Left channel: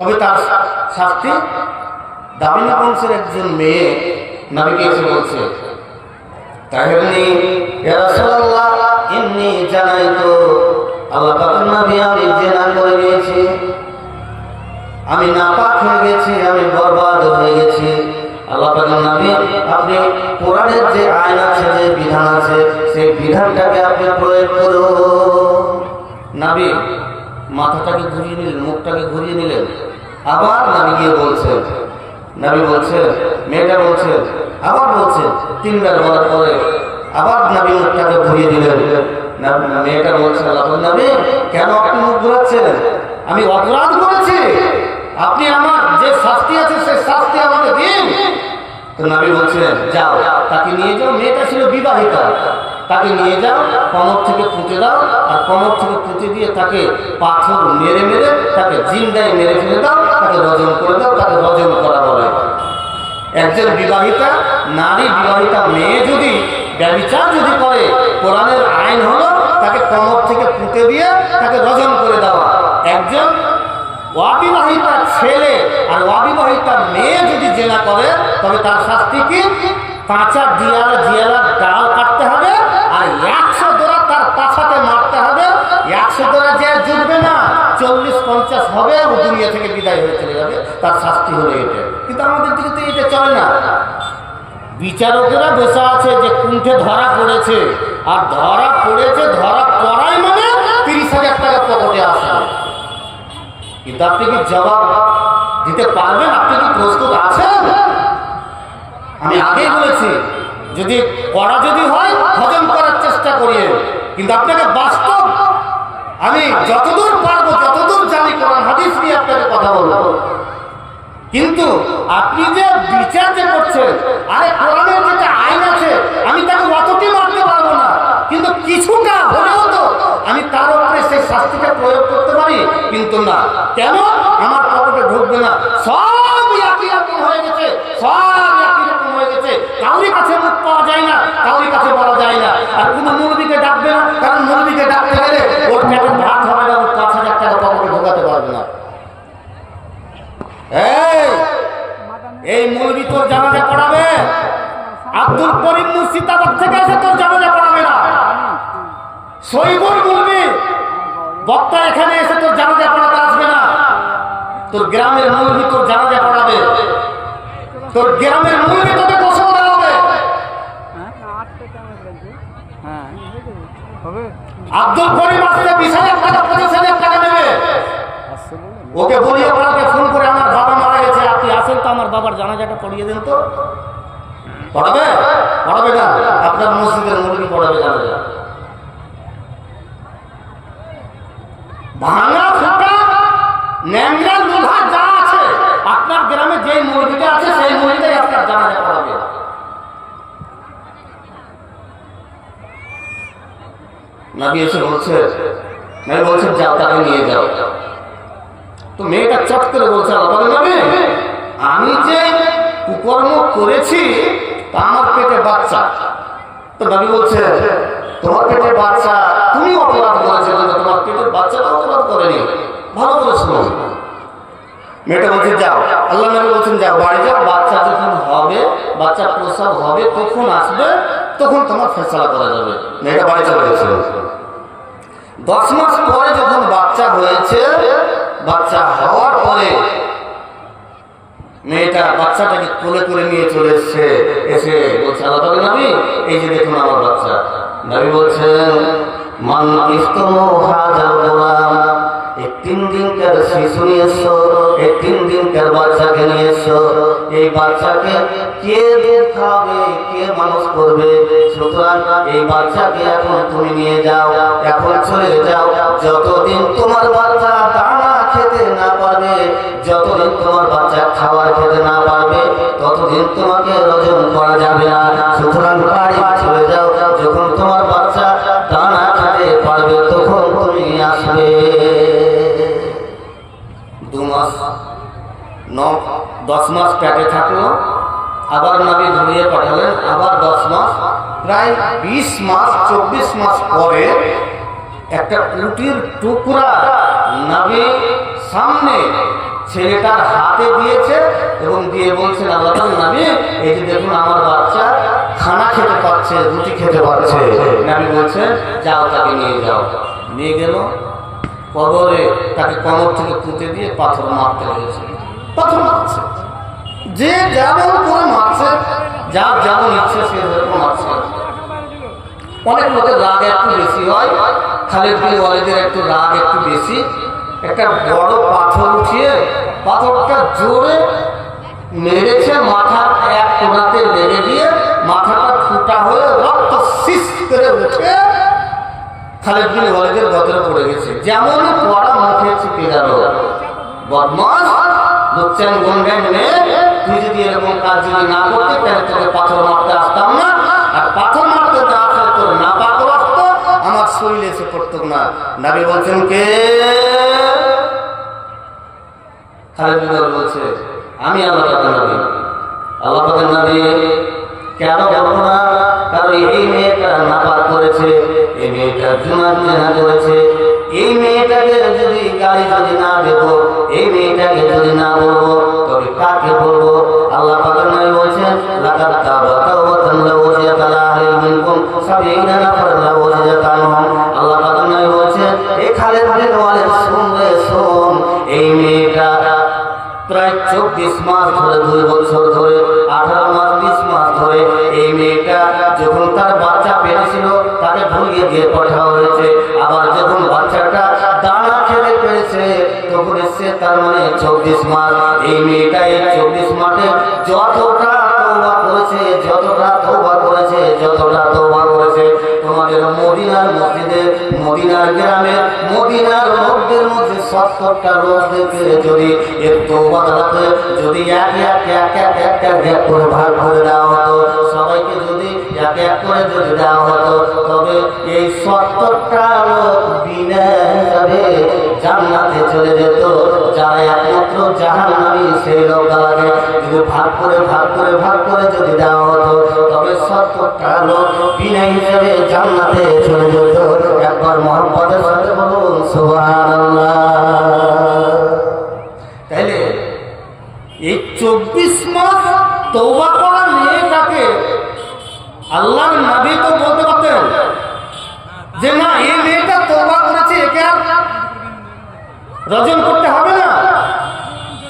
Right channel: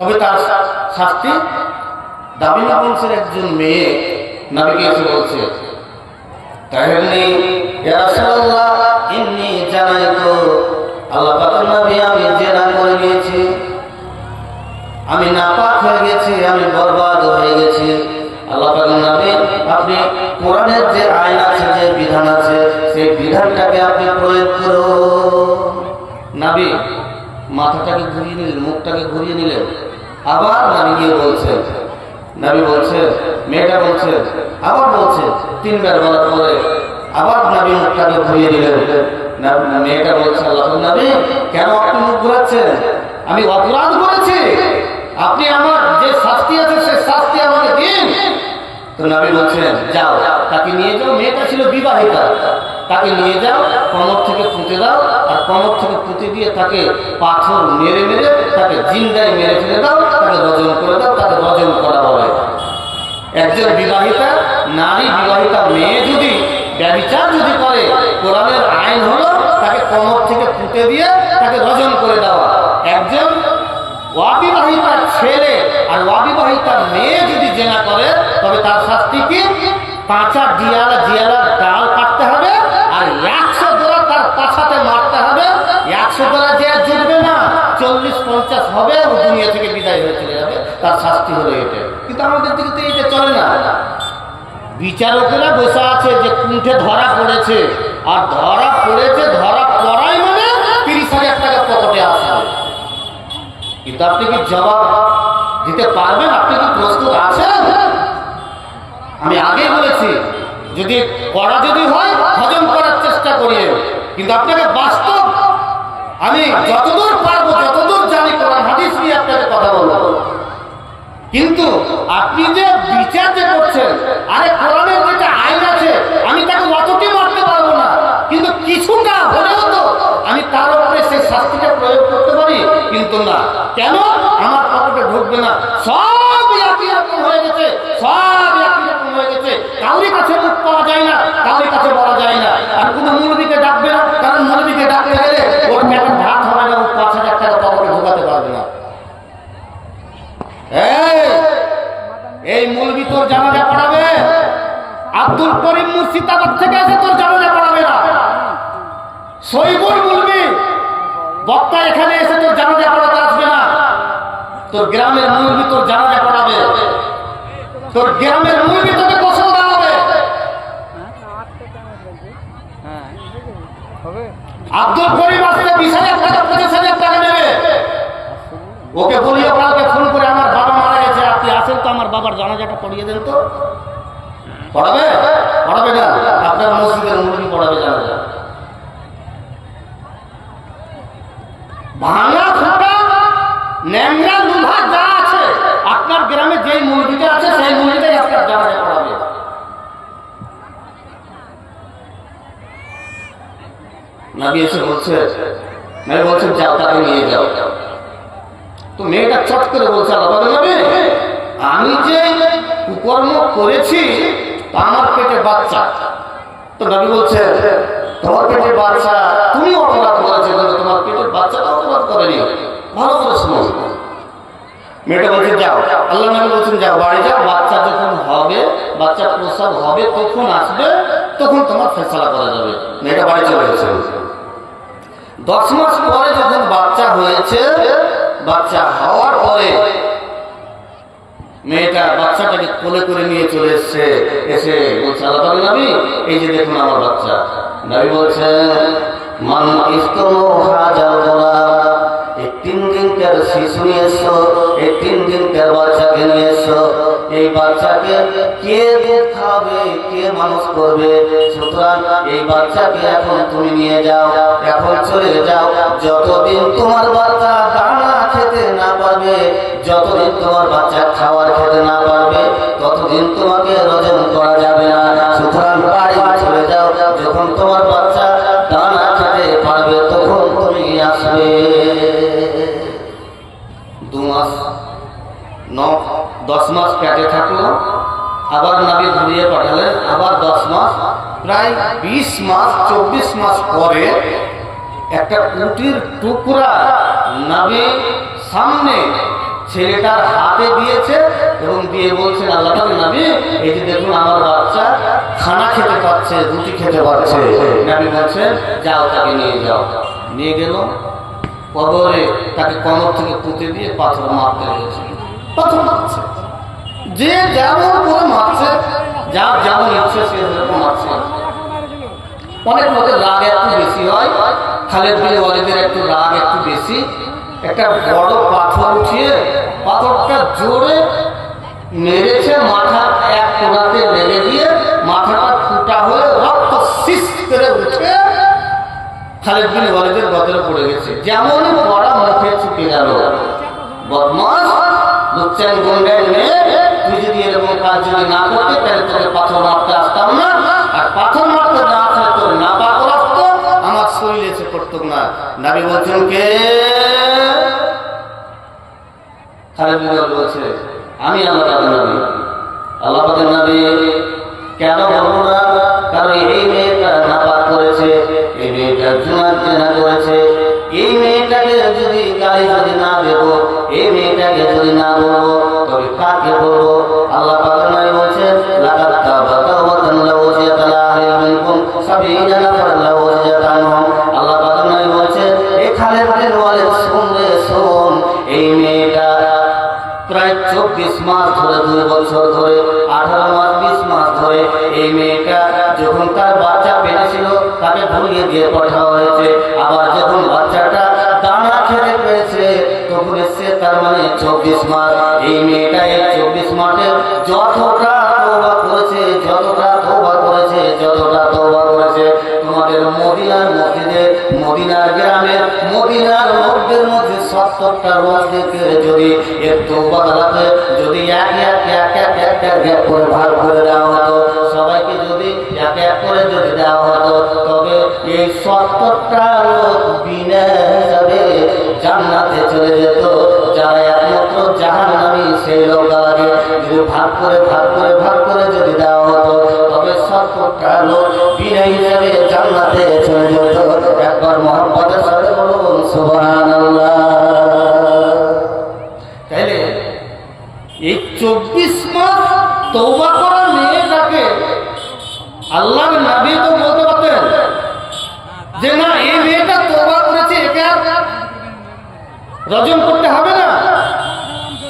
তবে তার শাস্তি দাবিনী বংশের একজন মেয়ে নাবিকে এসে বলছে তাহেরনি রাসূলুল্লাহ, ইন্নি জানাই তো আল্লাহ পাকের নবী আমি জেনা করে নিয়েছি আমি নাপাক হয়ে গেছি, আমি বরবাদ হয়ে গেছি। আল্লাহ পাকের নবী, আপনি কোরআনের যে আইন আছে, যে বিধান আছে, সেই বিধানটাকে আপনি প্রয়োগ করুন। নাবি, মাথাটাকে ঘুরিয়ে নিলেন, মুখটাকে ঘুরিয়ে নিলেন। আবার নাবি গিয়ে বলছেন নাবি বলছে, মেয়েটা বলছে, আবার বলছে, তিনবার বলার পরে আবার নাবি মুখটাকে ঘুরিয়ে দিলেন মেয়েটা বলছে আল্লাহ নাবি, কেন আপনি মুখ ঘুরাচ্ছেন? আমি অপরাধ করেছি। আপনি আমার যে শাস্তি আছে, সে শাস্তি আমাকে দিন। তো নবী বলছেন যাও, তাকে নিয়ে যাও। মেয়েটা ছিল বিবাহিতা। তাকে নিয়ে যাও, কমর থেকে পুঁতে দাও, আর কমর থেকে পুঁতে দিয়ে তাকে পাথর মেরে মেরে তাকে জিন্দায় মেরে ফেলে দাও, তাকে রজন করে দাও, তাকে রজন করা বলে একজন বিবাহিতা, নারী বিবাহিতা মেয়ে যদি ব্যবিচার যদি করে, কোরআনের আইন হলো তাকে কমর থেকে পুঁতে দিয়ে তাকে রজন করে দেওয়া। একজন অবিবাহিতা ছেলে আর অবিবাহিতা মেয়ে যদি জেনা করে, তবে তার শাস্তি কি? কাঁচা ডিয়ালা জিয়ালার ডাল কাটতে হবে আর একশো দোড়া তার পাছাতে মারতে হবে। একশো দোড়া যে জুটবে না, চল্লিশ পঞ্চাশ হবে ও দুনিয়া থেকে বিদায় হয়ে চলে যাবে, তার শাস্তি হলো এটা। কিন্তু আমাদের দিকে তো এটা চলে না। বিচারকেরা বসে আছে যে কুণ্ঠে ধরা পড়েছে। আর ধরা পড়েছে, ধরা পড়াই মানে তিরিশ হাজার টাকা পকেটে আসবে। কিন্তু আপনি কি জবাব দিতে পারবেন? আপনি কি প্রস্তুত আছেন? আমি আগেই বলেছি, যদি করা যদি হয়, হজম করার চেষ্টা করিয়ে। কিন্তু আপনাকে বাস্তব আমি যতদূর পারব, যতদূর জানি কোরআন হাদিস নিয়ে আপনাকে কথা বলব। কিন্তু আপনি যে বিচার যে করছেন, আরে কোরআনের যেটা আইন আছে, আমি তাকে অতটি মারতে পারব না। কিন্তু কিছুটা হলেও তো আমি তার উপরে সেই শাস্তিটা প্রয়োগ করতে পারি। কিন্তু না, কেন? আমার পকেটে ঢুকবে না। সব একই রকম হয়ে গেছে, সব একই রকম হয়ে গেছে। কাউরি কাছে মুখ পাওয়া যায় না কাউরি কাছে বলা যায় না। আর কোনো মৌলবীকে ডাকবে না, কারণ মৌলবীকে ডাকতে গেলে ওর পেটের ভাত হবে না, ও পাঁচ হাজার টাকা পকেটে ঢোকাতে পারবে না। এই এই মুলবি তোর জানাজা পড়াবে? আব্দুল করিম মুর্শিদাবাদ থেকে এসে তোর জানাজা পড়াবে না। সৈবুর মুলবি, বক্তা এখানে এসে তোর জানাজা পড়াতে আসবে না। তোর গ্রামের মুলবি তোর জানাজা পড়াবে তোর গ্রামের মুলবি তোকে গোসল দেওয়া হবে আব্দুল করিম আসতে বিশ হাজার টাকা, পঁচিশ হাজার টাকা নেবে। ওকে বলিও, কালকে ফোন করে আমার বাবা মারা গেছে, আপনি আসেন তো, আমার বাবার জানাজাটা পড়িয়ে দেন তো। পড়াবে পড়াবে না। আপনার মসজিদের মুরগি পড়াবে জানাজা। ভাঙা ন্যাংরা লুভা যা আছে, আপনার গ্রামে যেই মুরগিটা আছে, সেই মুরগিটাই আপনার জানাজা পড়াবে নাবি এসে বলছে, নাবি বলছে, যাও, তাকে নিয়ে যাও। তো মেয়েটা চট করে বলছে, আল্লাহ নবী, আমি যে কুকর্ম করেছি, তা আমার পেটে বাচ্চা। তো নবী বলছে, তোমার পেটে বাচ্চা, তুমি অপরাধ করেছ তোমার পেটের বাচ্চা তো অপরাধ করেনি। ভালো করে শুনো মেয়েটা বলছে, যাও। আল্লাহ নবী বলছেন, যাও, বাড়ি যাও। বাচ্চা যখন হবে বাচ্চা প্রসব হবে, তখন আসবে, তখন তোমার ফেসলা করা যাবে। মেয়েটা বাড়ি চলে গেছে। দশ মাস পরে যখন বাচ্চা হয়েছে, বাচ্চা হওয়ার পরে মেয়েটা বাচ্চাটাকে কোলে করে নিয়ে চলে এসছে। এসে বলছে, আল্লাহ নবী, এই যে দেখুন আমার বাচ্চা। নবী বলছেন এখন তুমি যাও, এখন যতদিন তোমার বাচ্চা দানা খেতে না পারবে, যতদিন তোমার বাচ্চা খাবার খেতে না পারবে, ততদিন তোমাকে রজন করা যাবে না। সুতরাং বাড়ি চলে যাও, যখন তোমার দশ মাস পেটে থাকল, আবার নাবি ঘুরিয়ে পাঠালেন আবার দশ মাস, প্রায় বিশ মাস, চব্বিশ মাস পরে একটা উটির টুকরা নাবি সামনে ছেলেটার হাতে দিয়েছে এবং দিয়ে বলছেন, আল্লাহ নবী, এই যে দেখুন আমার বাচ্চা খানা খেতে পারছে, রুটি খেতে পারছে। নাবি বলছেন যাও তাকে নিয়ে যাও। নিয়ে গেল, কবরে তাকে কমর থেকে পুঁতে দিয়ে পাথর মারতে হয়েছে। পাথর মারছে যে যেমন করে মারছে, যার যেমন ইচ্ছে সে মারছে। অনেক লোকের রাগ একটু বেশি হয়, খালেদ বিন ওয়ালিদের একটু রাগ একটু বেশি। একটা বড় পাথর উঠিয়ে পাথরটা জোরে মেরেছে, মাথা এক কোনাতে লেগে দিয়ে মাথাটা ফুটা হয়ে রক্ত শিস করে উঠে খালেদ বিন ওয়ালিদের গতরে পড়ে গেছে। যেমনই পড়া মুখে ছুটে গেল। বদমাস লুচ্চান গুন্ডাই মেয়ে তুই যদি এরকম কাজ যদি না করতে, তাহলে তোকে পাথর মারতে আসতাম না। আর পাথর মারতে না আসলে তোর না পাথর আসতো আমার শরীরে এসে পড়তো না। নাবি বলছেন, কে? বলছে, আমি আল্লাহ পাকের নবী। আল্লাহ পাকের নবী, কেন বলব না? কারণ এই মেয়েটা নাপাক করেছে, এই মেয়েটা জুনার জেনা করেছে, এই মেয়েটাকে তাকে ধরিয়ে দিয়ে পাঠানো হয়েছে। আবার যখন বাচ্চাটা দানা খেতে পেয়েছে তখন এসছে তার মানে চব্বিশ মাস। এই মেয়েটা এই চব্বিশ মাসে যতটা তৌবা করেছে, যতটা তৌবা করেছে, যতটা তৌবা করেছে তোমাদের মদিনার মসজিদে, মদিনার গ্রামের মদিনার লোকদের মধ্যে সত্তরটা লোকদেরকে যদি একটু বদলাতে যদি এক এক এক এক এক এক এক করে ভাগ করে দেওয়া হতো, সবাইকে যদি এক এক করে যদি দেওয়া হতো, তবে এই সত্তরটা লোক বিনা জাহান সেই লোকগুলাকে যদি ভাগ করে ভাগ করে ভাগ করে যদি দেওয়া হতো, তবে সত্তরটা লোক বিনা হিসাবে জান্নাতে চলে যেত। একবার মোহাম্মদের সাথে বলুন, সুবহানাল্লাহ। তাইলে এই চব্বিশ মাস তৌবা করা মেয়েটাকে আল্লাহর নবী তো বলতে পারতেন যে, না, এই মেয়েটা তৌবা করেছে, একে আর রজন করতে হবে না।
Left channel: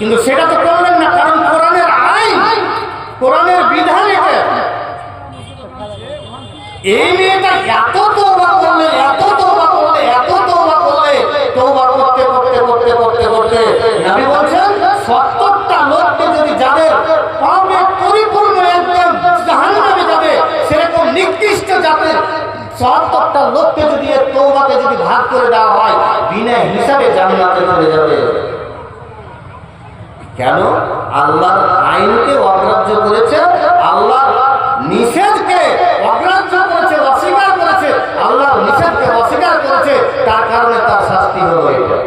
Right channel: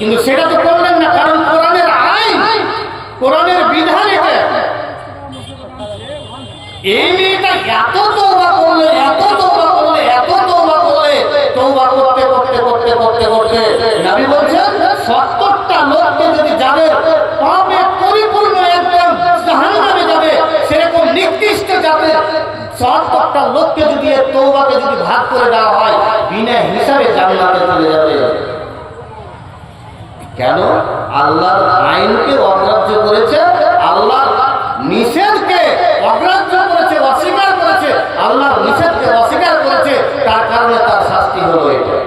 কিন্তু সেটা তো করলেন না, কারণ কোরআনের আইন, কোরআনের বিধান এটা। এই মেয়েটা এত তৌবা করলে, এত তৌবা করলে, এত তৌবা করলে তৌবা করতে করতে করতে করতে করতে নবী বলছেন, সত্তরটা লোককে যদি যাদের পাপে পরিপূর্ণ একদম জাহান্নামে যাবে, সেরকম নির্দিষ্ট জাতের সত্তরটা লোককে যদি এর তৌবাকে যদি ভাগ করে দেওয়া হয়, বিনা হিসাবে জান্নাতে চলে যাবে। কেন? আল্লাহ আইনকে অগ্রাহ্য করেছে আল্লাহ নিষেধকে অগ্রাহ্য করেছে, অস্বীকার করেছে আল্লাহ নিষেধকে অস্বীকার করেছে, তার কারণে তার শাস্তি হলো এটা।